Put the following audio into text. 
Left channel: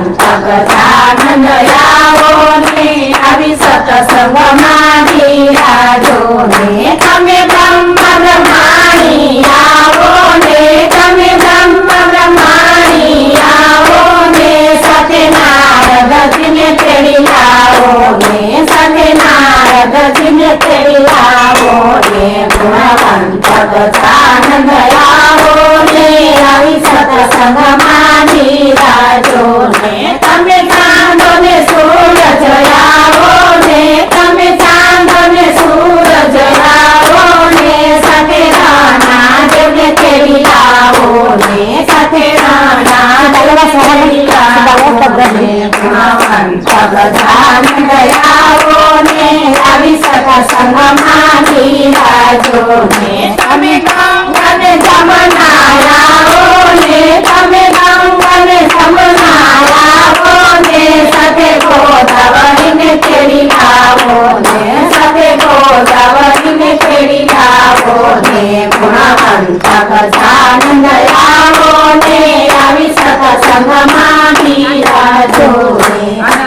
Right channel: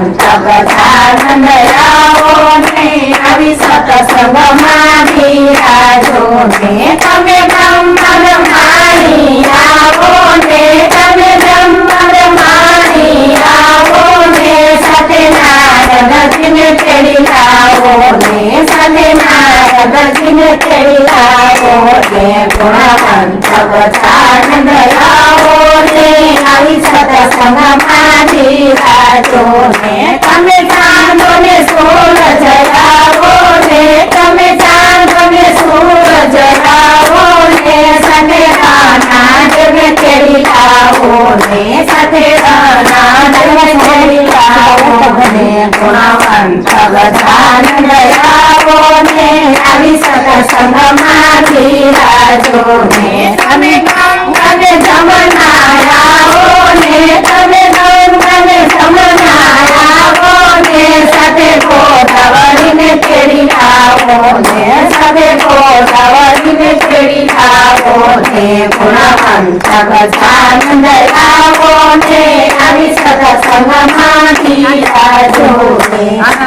ગુણવંત ગજાનંદ આવો ને આવી સત્સંગમાં બિરાજો ને તમે બ્રહ્મ બ્રહ્માણી આવો ને તમે બ્રહ્મ બ્રહ્માણી આવો ને સાથે નારદજીને તેડી લાવો ને સાથે નારદજીને તેડી લાવો ને ગુણવંત ગજાનંદ આવો ને આવી સત્સંગમાં બિરાજો ને તમે ચાંદો ને સૂરજ આવો ને તમે ચાંદો ને સૂરજ આવો ને સાથે રાના જગે તેડી લાવો ને સાથે રાના જગે તેડી લાવો ને ગુણવંત ગજાનંદ આવો ને આવી સત્સંગમાં બિરાજો ને તમે ગંગા ને જમના આવો ને તમે